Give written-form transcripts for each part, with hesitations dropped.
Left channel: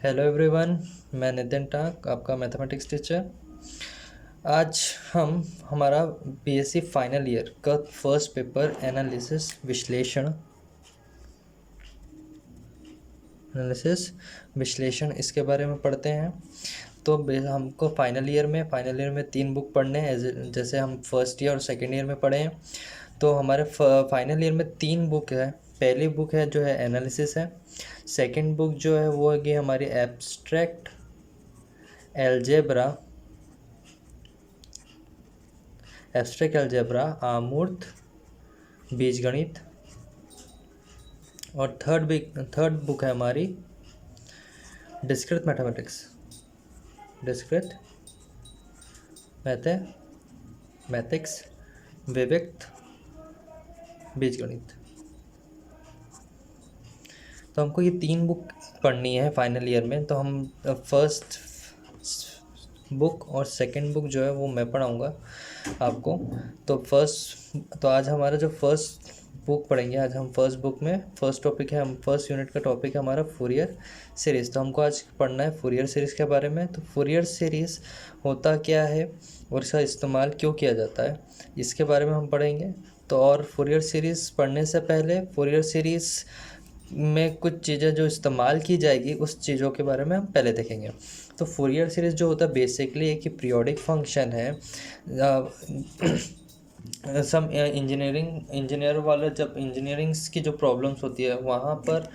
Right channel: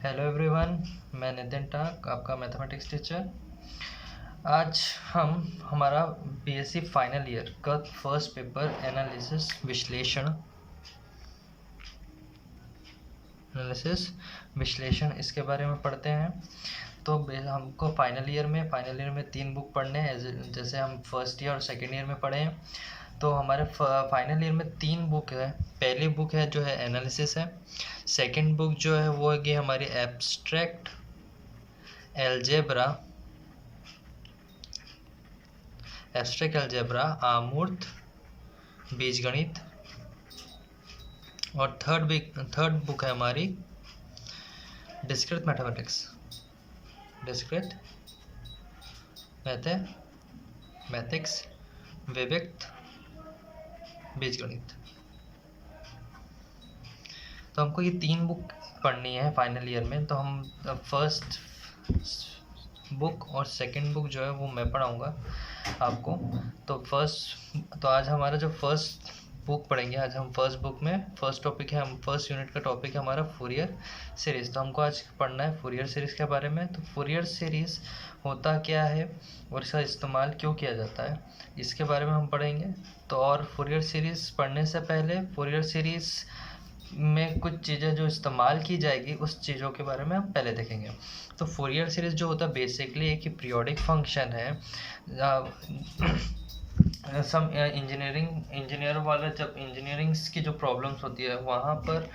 Hello everyone, मैं नितिन टाक, आपका mathematics teacher. आज हम हमारा बीएससी फाइनल ईयर का फर्स्ट पेपर एनालिसिस विश्लेषण इसके बारे में पढ़ते हैं। तो हमको फाइनल ईयर में 3 बुक पढ़ने हैं, जैसे हम फर्स्ट ईयर और सेकेंड ईयर में पढ़े हैं। तो हमारे फाइनल ईयर में 3 बुक है। पहली बुक है जो है एनालिसिस है। सेकंड बुक जो है वो है हमारी एब्स्ट्रैक्ट एल्जेब्रा आमूर्त बीजगणित। और थर्ड बुक है हमारी डिस्क्रीट मैथमेटिक्स विविक्त बीजगणित। तो हमको ये 3 बुक पढ़नी है फाइनल ईयर में। तो हम फर्स्ट बुक और सेकंड बुक जो है वो मैं पढ़ाऊँगा आपको। तो आज हमारा जो फर्स्ट बुक पढ़ेंगे, आज हम फर्स्ट बुक में फर्स्ट यूनिट का टॉपिक है हमारा फूरियर सीरीज़। तो हमको आज पढ़ना है फूरियर सीरीज़ के बारे में। तो फूरियर सीरीज़ होता क्या है और इसका इस्तेमाल क्यों किया जाता है, इसके बारे में हम पढ़ेंगे। तो और फूरियर सीरीज़ पढ़ने से पहले फूरियर सीरीज़ में कुछ चीज़ें जो इस्तेमाल की जाएगी उस चीज़ों के बारे में हम पहले देखेंगे। तो फूरियर सीरीज़ जो होता है बेसिकली एक ही पीरियोडिक फंक्शन है। सब इंजीनियर वाले जब इंजीनियरिंग्स की जो प्रॉब्लम्स होती है वहाँ पर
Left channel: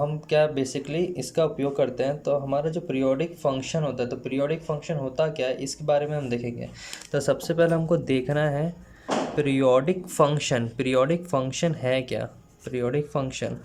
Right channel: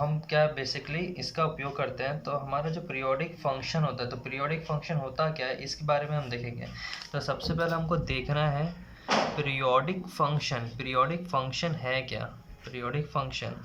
हम क्या बेसिकली इसका उपयोग करते हैं। तो हमारा जो पीरियोडिक फंक्शन होता है, तो पीरियोडिक फंक्शन होता क्या है इसके बारे में हम देखेंगे। तो सबसे पहले हमको देखना है पीरियोडिक फंक्शन है क्या। पीरियोडिक फंक्शन,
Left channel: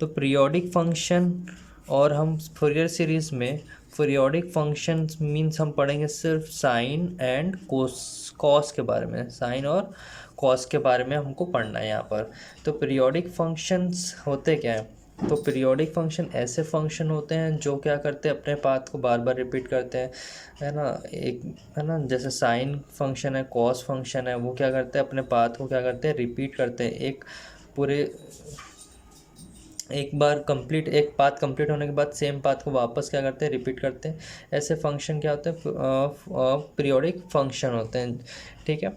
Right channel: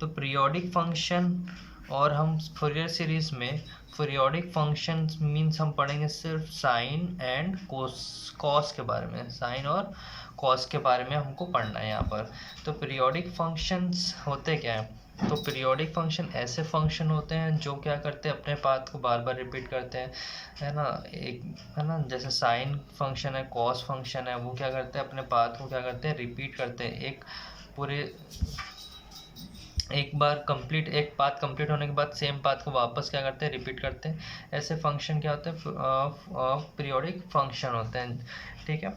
तो पीरियोडिक फंक्शन और हम फूरियर सीरीज़ में पीरियोडिक फंक्शन मीन्स हम पढ़ेंगे सिर्फ साइन एंड कॉस के बारे में। साइन और कॉस के बारे में हमको पढ़ना है यहाँ पर। तो पीरियोडिक फंक्शंस होते क्या हैं, तो पीरियोडिक फंक्शन ऐसे फंक्शन होते हैं जो क्या करते हैं, अपने पाथ को बार बार रिपीट करते हैं, है ना। है ना, जैसे साइन फंक्शन है, कॉस फंक्शन है, वो क्या करते हैं, अपने पाथ को क्या करते हैं, रिपीट करते हैं। एक पाथ कंप्लीट होने के बाद सेम पाथ को वापस क्या करते हैं, रिपीट करते हैं। ऐसे फंक्शन क्या होते हैं, पीरियोडिक फंक्शन होते हैं। ठीक है,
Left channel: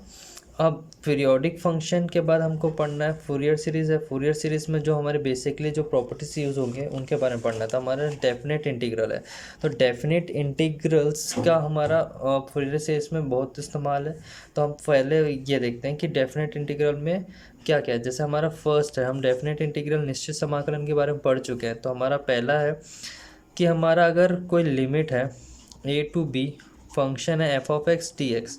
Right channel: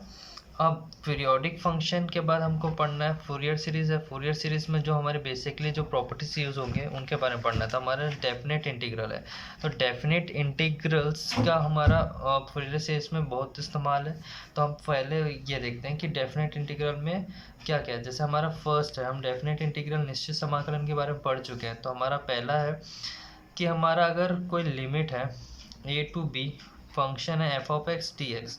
अब पीरियोडिक फंक्शन के बाद हमको पढ़ना है फूरियर सीरीज़ है। फूरियर सीरीज़ में जो हमारे बेसिकली जो प्रॉपर्टीज यूज़ होंगे उनके बारे में पढ़ना है। तो हमारा डेफिनेट इंटीग्रल है। तो डेफिनेट इंटीग्रल्स का हमारा फूरियर सीरीज़ में बहुत इस्तेमाल है। तो हम पहले ये देखते हैं कि डेफिनेट इंटीग्रल में क्या क्या है। जैसे हमारा फर्स्ट है, हम डेफिनेट इंटीग्रल निश्चित समाकलन के बारे में पढ़ चुके हैं। तो हमारा पहला है कि हमारा अगर कोई लिमिट है a to b, फंक्शन है f(x) dx,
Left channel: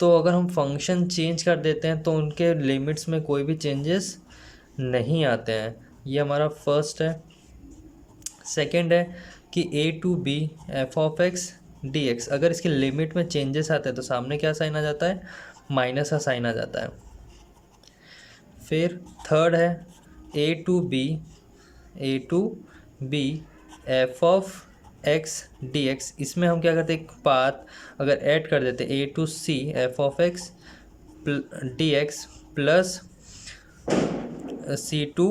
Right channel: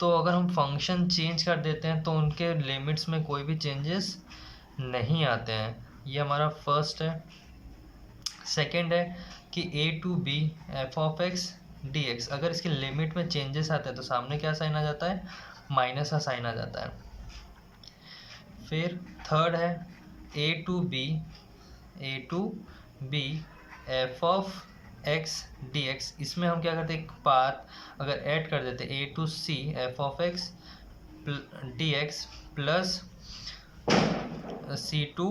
तो अगर हम फंक्शन चेंज कर देते हैं तो उनके लिमिट्स में कोई भी चेंजेस नहीं आते हैं। ये हमारा फर्स्ट है। सेकंड है कि a to b f(x) dx, अगर इसके लिमिट में चेंजेस आते हैं तो सामने क्या साइन आ जाता है, माइनस का साइन आ जाता है। फिर थर्ड है a to b f(x) dx, इसमें हम क्या करते हैं, एक पाथ अगर ऐड कर देते a to c f(x) dx plus c to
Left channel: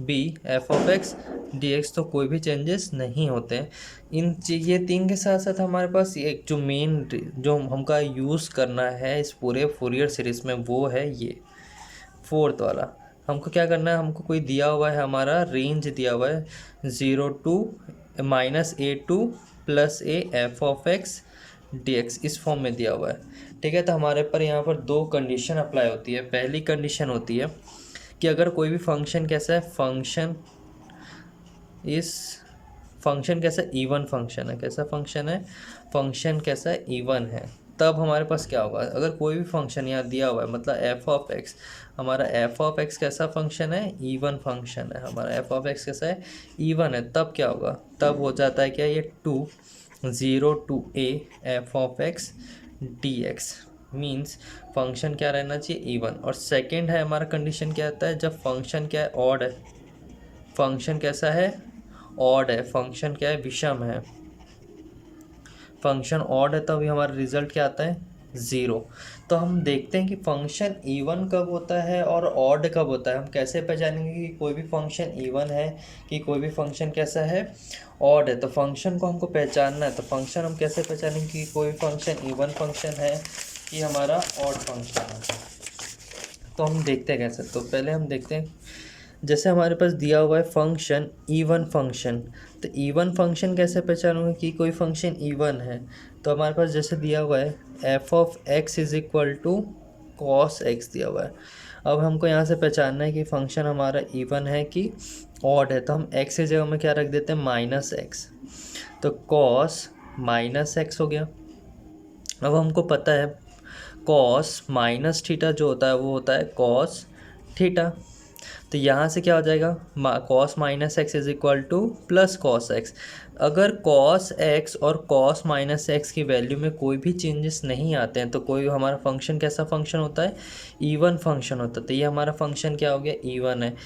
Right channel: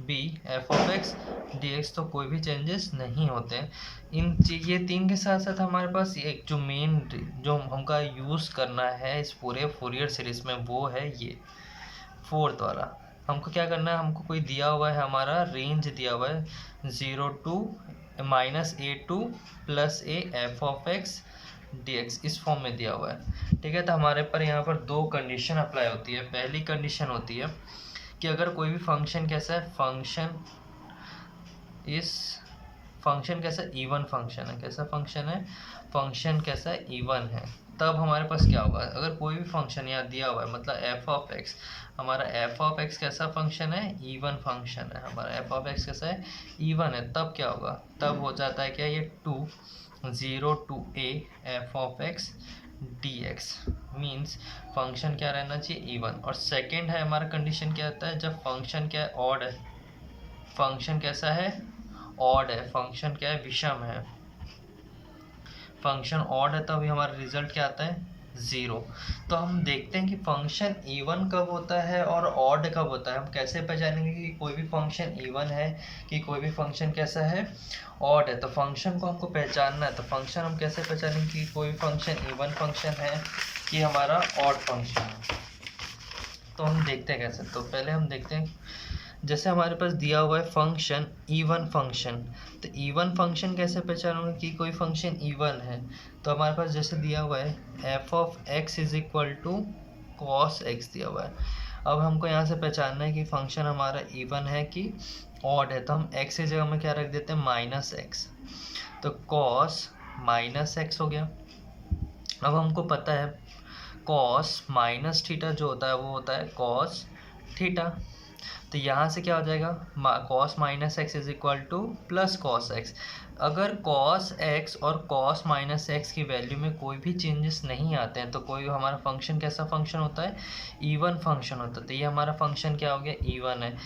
b f(x) dx, तो कोई भी चेंजेस नहीं होते हैं। ये 3 के साथ साथ हमारे पास एक जो मेन जो हमका यूज़ करना है इस पूरे फूरियर सीरीज़ में वो है ये फोर्थ वाला। हमको क्या करना है, हमको कोई दिया हुआ है, हमारा रेंज दिया हुआ है 0 to -a2 + a f(x) dx, इस फॉर्म में दिया हुआ है। ठीक है, तो हमारे पर यहाँ पर 2 कंडीशन अप्लाई होती है। पहली कंडीशन होती है कि अगर कोई भी फंक्शन कैसा है, फंक्शन कैसा इवन फंक्शन है। कैसा फंक्शन है, फंक्शन कैसा इवन है, तब हमारे पास क्या होगा। अगर कोई भी फंक्शन यहाँ दिया हुआ है, मतलब f(x), हमारा f(x) कैसा फंक्शन है, इवन फंक्शन है। हमारा f(x) कैसा है, इवन है, तब क्या होगा, तब हो जाता है क्या, ये 0 to a f(x) dx, means function क्या रहना चाहिए, इवन। और सेकंड है हमारा कंडीशन क्या आता है, जब फंक्शन क्या है, ऑड है। फंक्शन कैसा है, ऑड है। फंक्शन क्या है, विषम है। फंक्शन ऑड है, तभी हमारा रिजल्ट क्या आता है, ज़ीरो। तो हम देखते हैं कि फंक्शन इवन कब होता है और ऑड कब होता है। हम कैसे पहचानेंगे कि कोई भी फंक्शन इवन है कि कोई भी फंक्शन कैसा है, ऑड है। तो फंक्शन को हमको पहचानना है। तो फंक्शन हम कैसे पहचानेंगे कि कोई फंक्शन इवन फंक्शन है कि हमारा ऑड फंक्शन है। तो हम देखते हैं कैसे। तो पहले हम देखते हैं, जैसे हमारे पास दिया हुआ है फंक्शन इवन फंक्शन। तो इवन फंक्शन कैसे पहचानूंगा कि कोई फंक्शन इवन है। तो हमारे पास जैसे दिया हुआ है F of x is equal to cos X दिया हुआ है। अब हमको यहाँ से पहचानना है कि फंक्शन हमारा इवन है कि ऑड है। तो हम एक्स की जगह में क्या रख देते हैं, माइनस एक्स। तो कॉस माइनस एक्स हो गया। अब हमको पता है कॉस माइनस थीटा जो होता है वो होता है कॉस थीटा। तो यहाँ से क्या हो जाएगा, cos minus x is equal two plus cos x. अगर कॉस एक्स और कॉस माइनस एक्स की वैल्यू में कोई भी चेंजेस नहीं आते हैं तो कोई हमारा फंक्शन कैसा फंक्शन होता है, इवन फंक्शन होता है। तो ये हमारा फंक्शन क्या हो गया, इवन है।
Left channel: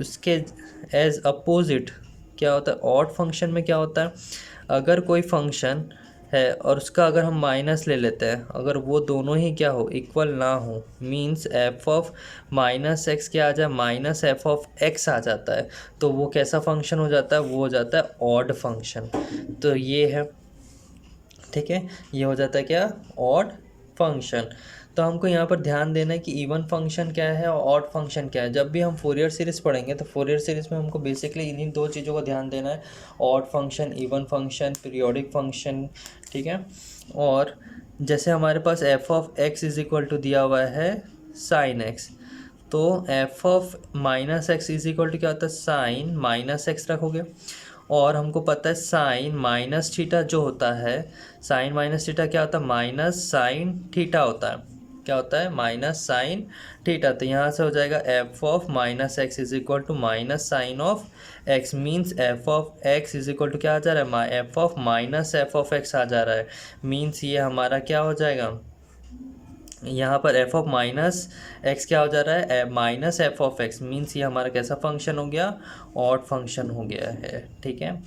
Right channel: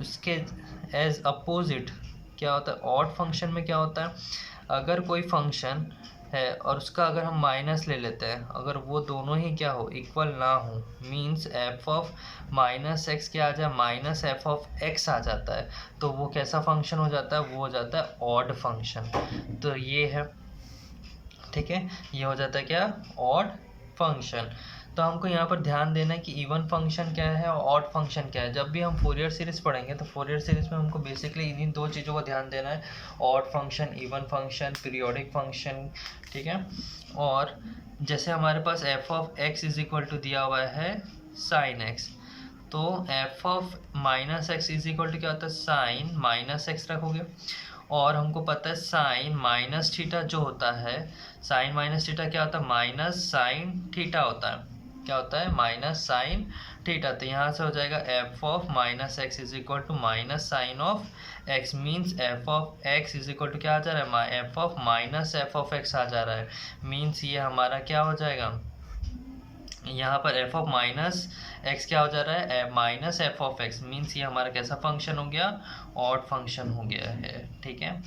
उसके एज अपोजिट क्या होता है, ऑड फंक्शन में क्या होता है, अगर कोई फंक्शन है और उसका अगर हम माइनस ले लेते हैं, अगर वो दोनों ही क्या हो, इक्वल ना हो, means F of minus x क्या आ जाए, माइनस एफ ऑफ एक्स आ जाता है, तो वो कैसा फंक्शन हो जाता है, वो हो जाता है ऑड फंक्शन। तो ये है, ठीक है, ये हो जाता है क्या, ऑड फंक्शन। तो हमको यहाँ पर ध्यान देना है कि इवन फंक्शन क्या है और ऑड फंक्शन क्या है। जब भी हम फोरियर सीरीज़ पढ़ेंगे तो फोरियर सीरीज़ में हमको बेसिकली इन्हीं दो चीज़ों को ध्यान देना है, odd function, even function, periodic function, ठीक है। और जैसे हमारे पास f of x is equal to दिया हुआ है साइन एक्स, तो f of minus x is equal to क्या होता है, साइन माइनस एक्स रखोगे। और हमको पता है साइन माइनस थीटा जो होता है, साइन माइनस थीटा क्या होता है, माइनस साइन थीटा होता है। क्या होता है, माइनस साइन थीटा। तो यहाँ से हो जाएगा f of minus x is equal to minus sine of x, means f of x is equal to क्या आ जा रहा है, F of minus f of x आ जा रहा है। मीन्स ये हमारा क्या हो जाएगा, यहाँ पर एफ ऑफ माइनस एक्स क्या हो जा रहा है, minus f of x, means ये हमारा कैसा फंक्शन हो गया, ऑड फंक्शन हो गया है, ठीक है।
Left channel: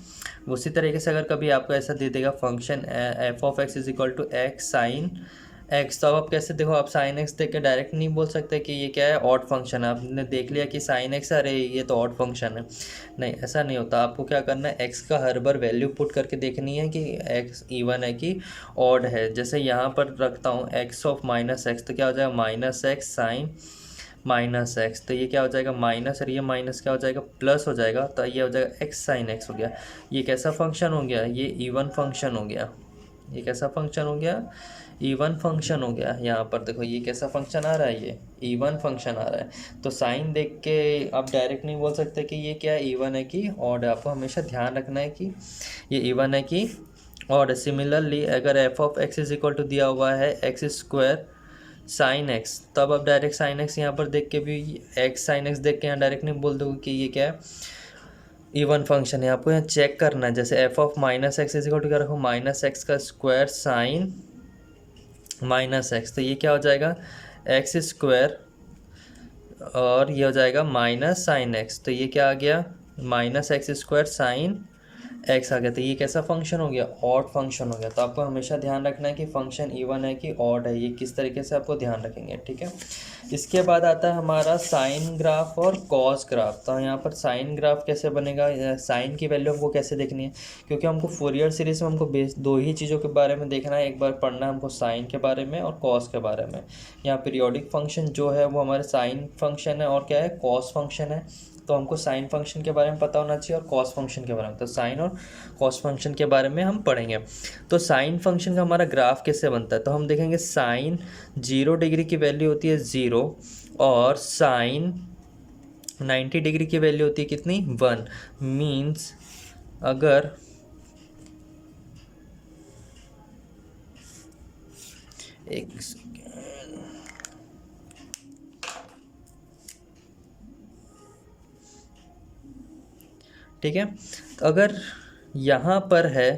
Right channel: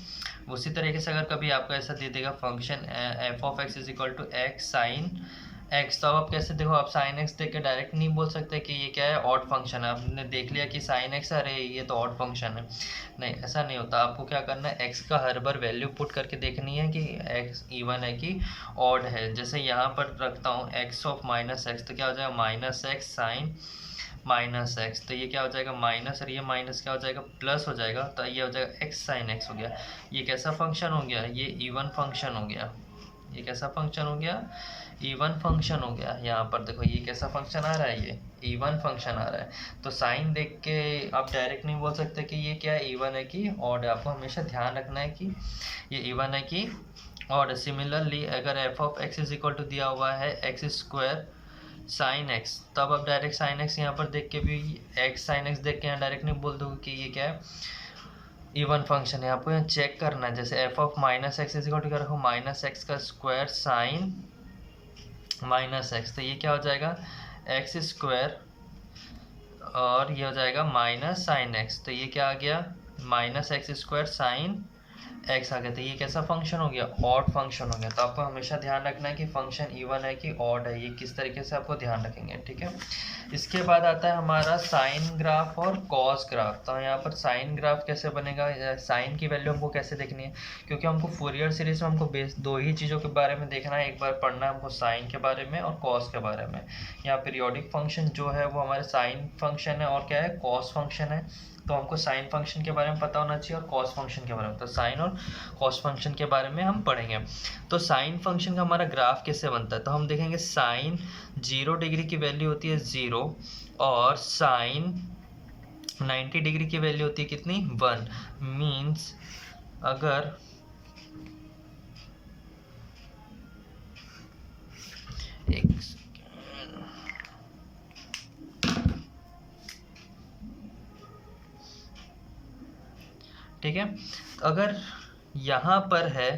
उसी तरीके से अगर कभी आपको ऐसा दे देगा function F of x is equal to X sine x, तो अब आप कैसे देखो, आप साइन एक्स देख के डायरेक्ट नहीं बोल सकते कि ये क्या है, ऑड फंक्शन है। आपने देख लिया कि साइन एक्स, अरे ये तो ऑड फंक्शन है, नहीं, ऐसा नहीं होता। आपको क्या करना है, एक्स का हर बार वैल्यू पुट करके देखनी है कि एक्स इवन है कि ऑड है। जैसे यहाँ पर रखता हूँ एक्स ऑफ माइनस एक्स, तो क्या हो जाएगा, minus X sine minus X, तो ये क्या हो जाएगा, माइनस, और ये माइनस क्या हो जाएगा, प्लस हो जाएगा। तो ये हो जाएगा एक्स साइन एक्स हो गया। ये कैसा फंक्शन हो गया, ये इवन फंक्शन हो गया। ये कैसा फंक्शन हो गया, इवन फंक्शन हो गया। यहाँ पर देखो ये कैसा फंक्शन आ रहा है, ये इवन फंक्शन आ रहा है। तो साइन देख के आप डायरेक्ट नहीं बोल सकते कि ये क्या है, इवन है कि ऑड है। आपको हमेशा ध्यान रखना है कि ये इवन है कि ऑड। सिमिलरली अगर F of x is equal to दिया हुआ है एक्स स्क्वायर साइन एक्स, तब आप डायरेक्ट साइन एक्स यहाँ पर देख के भी, एक्स साइन एक्स देख के यहाँ डायरेक्ट नहीं बोल दोगे कि ये क्या है, इवन फंक्शन है। आपको यहाँ चेक करना है, जैसे F of minus x is equal to क्या रखो, माइनस एक्स का स्क्वायर साइन माइनस एक्स, तो ये क्या हो जाएगा, एक्स स्क्वायर, और ये हो जाएगा माइनस साइन एक्स, तो ये क्या आ गया, minus x square sine x आ गया। तो ये कैसा फंक्शन हो गया, ऑड फंक्शन हो गया। तो आपको हमेशा ध्यान रखना है कि फंक्शन इवन है कि ऑड है, ये किस तरीके से आपको ध्यान रखेंगे, ठीक है। इसके बाद आता है हमारा साइन ग्राफ और कॉस ग्राफ। तो यहाँ पर साइन ग्राफ कैसे बनेगा, साइन की वैल्यू हमको कैसे देखनी है, क्योंकि हमको फोरियर सीरीज में हमको बेस दो ही चीज़ों के बारे में देखना है। एक बार पढ़ना है हमको साइन के बारे में और कॉस के बारे में। यहाँ पीरियोडिक फंक्शन जो है वो हमारे साइन फंक्शन है और क्या है, कॉस फंक्शन है। तो हमको साइन फंक्शन के बारे में पता होना चाहिए और कॉस फंक्शन के बारे में। तो साइन और कॉस फंक्शन के बारे में हम पढ़ेंगे। तो साइन फंक्शन का हमारा ग्राफ कैसे बनता है, तो हम देखेंगे साइन 0 डिग्री की वैल्यू होती है 0, और साइन 90 डिग्री की वैल्यू होती है कितनी, 1। मीन्स अगर एक, ठीक है, तो अगर यहाँ पर है,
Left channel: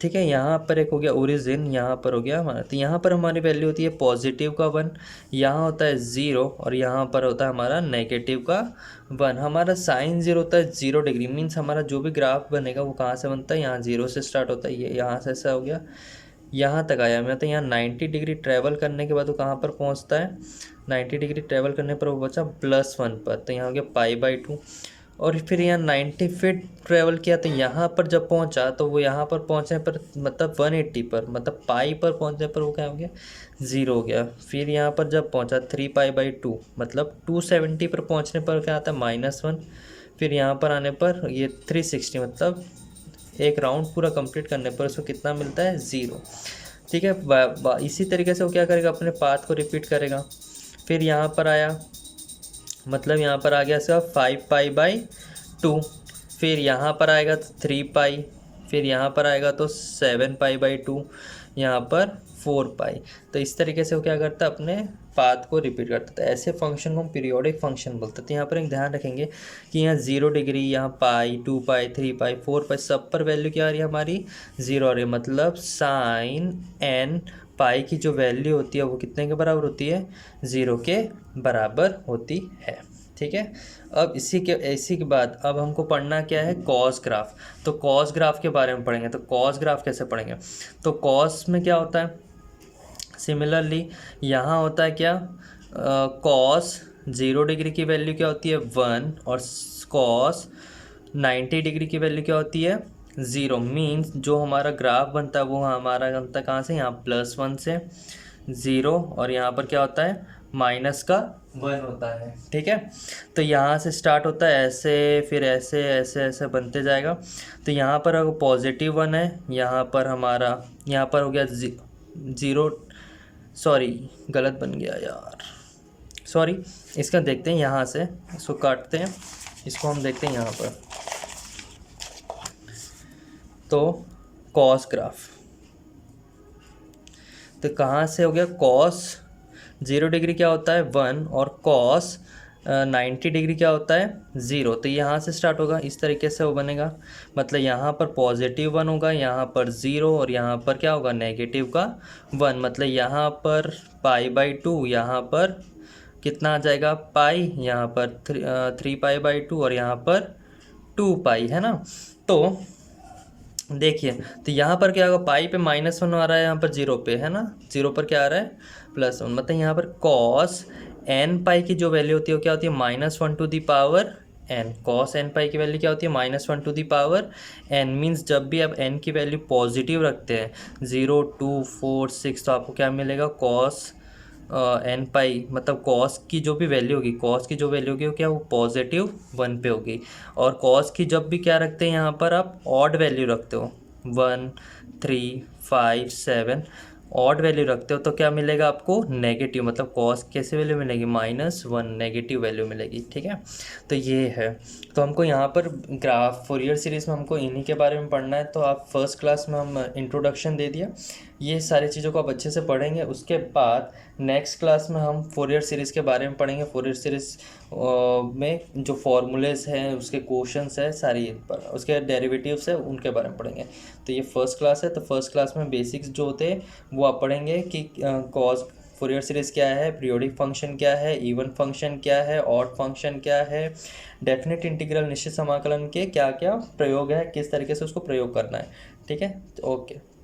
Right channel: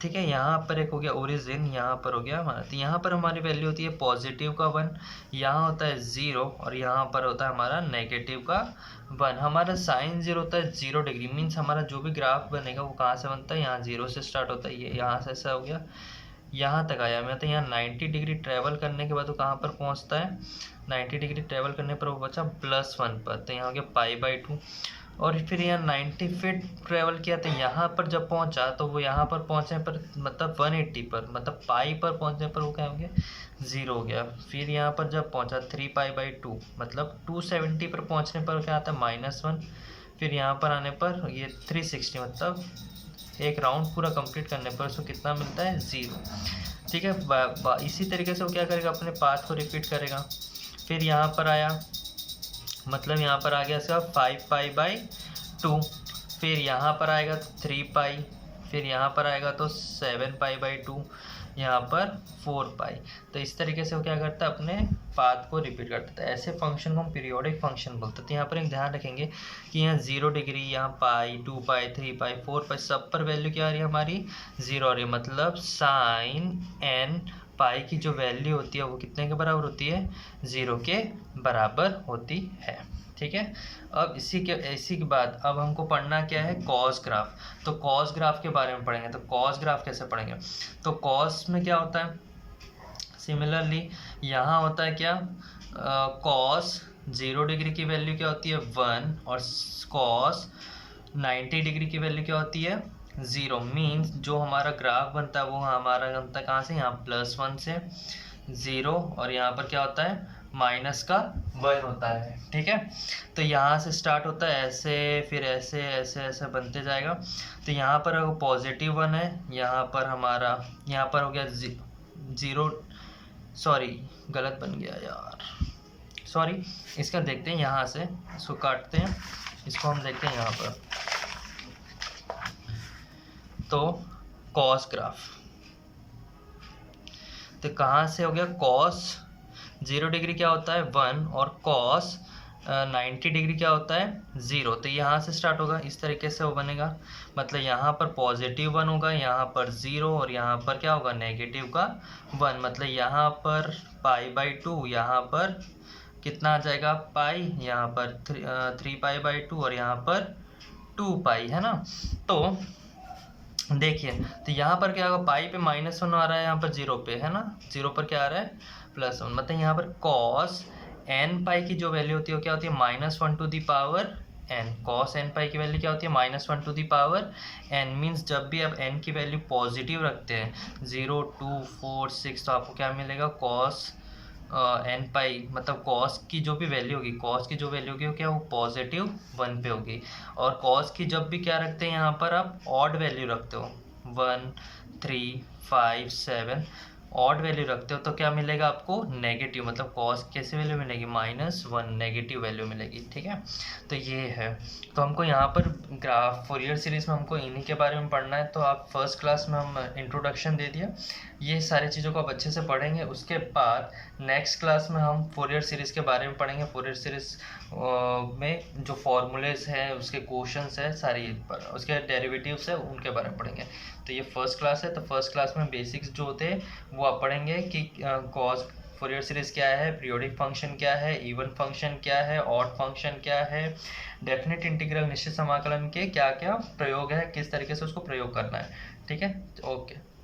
ठीक है, यहाँ पर एक हो गया ओरिजिन, यहाँ पर हो गया हमारा, तो यहाँ पर हमारी वैल्यू होती है पॉजिटिव का 1, यहाँ होता है 0, और यहाँ पर होता है हमारा नेगेटिव का 1। हमारा साइन 0 होता है 0 डिग्री, मीन्स हमारा जो भी ग्राफ बनेगा वो कहाँ से बनता है, यहाँ 0 से स्टार्ट होता है, ये यहाँ से ऐसा हो गया, यहाँ तक आया, मतलब यहाँ 90 डिग्री ट्रैवल करने के बाद वो कहाँ पर पहुँचता है, 90 डिग्री ट्रैवल करने पर वो बचा +1 पर, तो यहाँ हो गया π/2। और फिर यहाँ 90 फीट ट्रैवल किया, तो यहाँ पर जब पहुँचा तो वो यहाँ पर पहुँचने पर मतलब 180 पर, मतलब पाई पर पहुँचने पर वो क्या हो गया, 0 हो गया। फिर यहाँ पर जब पहुँचा 3π/2 मतलब 270 पर पहुँचने पर क्या आता है, -1। फिर यहाँ पर आने पर ये 360 मतलब एक राउंड पूरा कंप्लीट करने पर उसको कितना मिलता है, 0। ठीक है, इसी तरीके से वो क्या करेगा, अपने पाथ को रिपीट करेगा। फिर यहाँ पर आया, मतलब यहाँ पर आ गया इसका 5π/2। फिर यहाँ पर आएगा तो 3π, फिर यहाँ पर आएगा तो 7π/2, यहाँ पर 4π। तो इस तरीके से वो क्या करता है, अपने पाथ को रिपीट करता है। ऐसे फंक्शन को हम पीरियोडिक फंक्शन बोलते हैं। तो यहाँ पर एक ध्यान रखेंगे कि यहाँ 0 डिग्री, यहाँ पाई, 2π, 3π, 4π सब पर वैल्यू क्या आ रही है हमारी, 0 आ रही है। मतलब साइन n पाई की जो वैल्यू होती है वो कितने के बराबर होती है, 0 के बराबर होती है। ठीक है, अब इसी के बाद अब हमको पढ़ना क्या है, कॉस ग्राफ। तो कॉस ग्राफ के बारे में पढ़ेंगे। तो कॉस ग्राफ कैसे पढ़ेंगे, तो कॉस में क्या होता है, सिमिलरली यहाँ होता है क्या, कॉस 0 डिग्री की वैल्यू क्या होती है, 1, और कॉस 90 डिग्री की वैल्यू क्या होती है, 0। मीन्स जो हमारा ग्राफ बनता है वो हमारा बनता है कहाँ से, यहाँ +1 से 0, और यहाँ पर क्या होता है, -1 होता है। ठीक है, तो यहाँ से स्टार्ट होता है ऐसे, फिर ऐसे ऐसे ऐसे बनते जाएगा। तो यहाँ पर अगर +1 है, यहाँ पर हमारा, यहाँ पर हो गया 0, सॉरी गलत बन गया यार, सॉरी। इसका देखते हैं, यहाँ से इसको काटते हैं, इसको हम देखते हैं यहाँ पर। तो कॉस ग्राफ, तो कहाँ से हो गया, कॉस 0 डिग्री क्या होता है, 1, और कॉस 90 डिग्री क्या होता है, 0। तो यहाँ से स्टार्ट होगा, इस तरीके से वो बनेगा। मतलब यहाँ पर +1 होगा, यहाँ पर 0, और यहाँ पर क्या होगा, -1। मतलब यहाँ पर π/2, यहाँ पर कितना आ जाएगा, पाई, यहाँ पर 3π/2, और यहाँ पर 2π, है ना। तो देखिए, तो यहाँ पर क्या होगा, पाई पे -1 आ रहा है, यहाँ पर 0 पे, है ना, 0 पर क्या आ रहा है, +1। मतलब यहाँ पर कॉस n पाई की जो वैल्यू होती है वो क्या होती है, -1 to the power n। Cos n pi की वैल्यू क्या होती है, -1 to the power n। Means जब भी आप n की वैल्यू पॉजिटिव रखते हैं, 0, 2, 4, 6, तो आपको क्या मिलेगा, कॉस n पाई, मतलब कॉस की जो भी वैल्यू होगी, कॉस की जो वैल्यू होगी वो क्या, वो +1 पे होगी। और कॉस की जब भी क्या रखते हैं, यहाँ पर आप ऑड वैल्यू रखते हो, 1, 3, 5, 7 ऑड वैल्यू रखते हो, तो क्या मिलेगा आपको, नेगेटिव। मतलब कॉस कैसे वैल्यू मिलेगी, -1, नेगेटिव वैल्यू मिलेगी। ठीक है, तो ये है। तो हमको यहाँ पर ग्राफ फोरियर सीरीज़ में हमको इन्हीं के बारे में पढ़ना है। तो आप फर्स्ट क्लास में हम इंट्रोडक्शन दे दिया, ये सारी चीज़ों को आप अच्छे से पढ़ेंगे। उसके बाद नेक्स्ट क्लास में हम फोरियर सीरीज़ के बारे में पढ़ेंगे। फोरियर सीरीज़ में जो फॉर्मूलेज हैं, उसके क्वेश्चंस है सारी, पर उसके डेरिवेटिव्स है, उनके बारे में पढ़ेंगे। तो ये फर्स्ट क्लास है। तो फर्स्ट क्लास में बेसिक्स जो होते हैं वो आप पढ़ेंगे कि कॉस फोरियर सीरीज़ क्या है, पीरियोडिक फंक्शन क्या है, इवन फंक्शन क्या है, ऑड फंक्शन क्या है, डेफिनेट इंटीग्रल निश्चित समाकलन के क्या क्या प्रयोग है, किस तरीके से उसको प्रयोग करना है। ठीक है, ओके।